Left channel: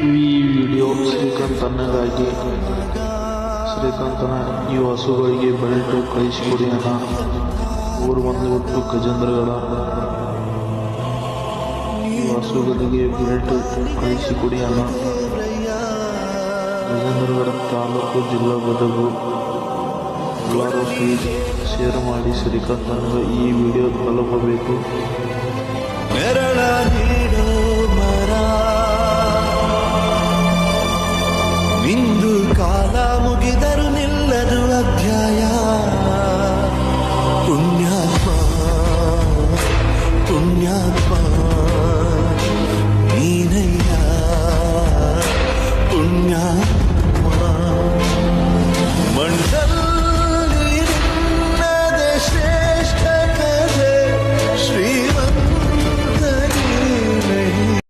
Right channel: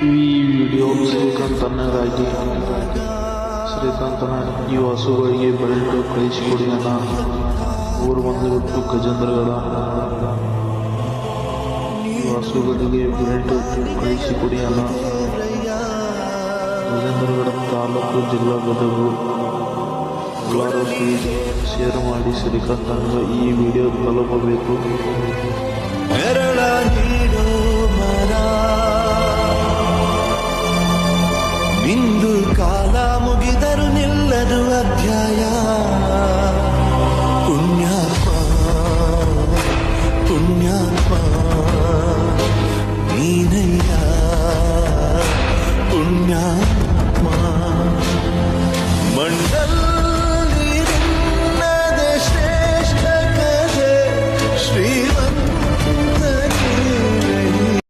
ಈ ವಿಡಿಯೋ ಶ್ರೀಕಾಂತಣ್ಣಗಾಗಿ. ಶ್ರೀಕಾಂತಣ್ಣ, ಈ ಹಸುಗಳಿಗೆ ಬೆಲ್ಟ್ ಕಳಿಸಿಕೊಡಿ ಅಣ್ಣ. ಊರು ಬಂದುಬಿಟ್ಟು ಗಜೇಂದ್ರಗಡ. ಈ ಹಸುಗಳಿಗೆ ಬೆಲ್ಟ್ ಕಳಿಸಿಕೊಡಿ ಅಣ್ಣ. ಗಜೇಂದ್ರಗಡ ತಾಲೂಕು, ಜಿಲ್ಲಾ ಗದಗ. ಎಲ್ಲರೂ ಪ್ಲೀಸ್ ಶೇರ್ ಮಾಡಿ. ಶ್ರೀಕಾಂತಣ್ಣಗೆ ಈ ವಿಡಿಯೋ ತಲುಪಬೇಕು. ನೆರಳ ನೀಡೋ ಮರ ನಿಂದು ಕಾಲ ಮುಗಿದರು ನಿಲ್ಲದು ಅಧ್ಯಾಯ. ಪುಣ್ಯಾತ್ಮ ಪುಣ್ಯಾತ್ಮ ನೀನಯ್ಯ ಪುಣ್ಯಾತ್ಮ. ಮಂಡ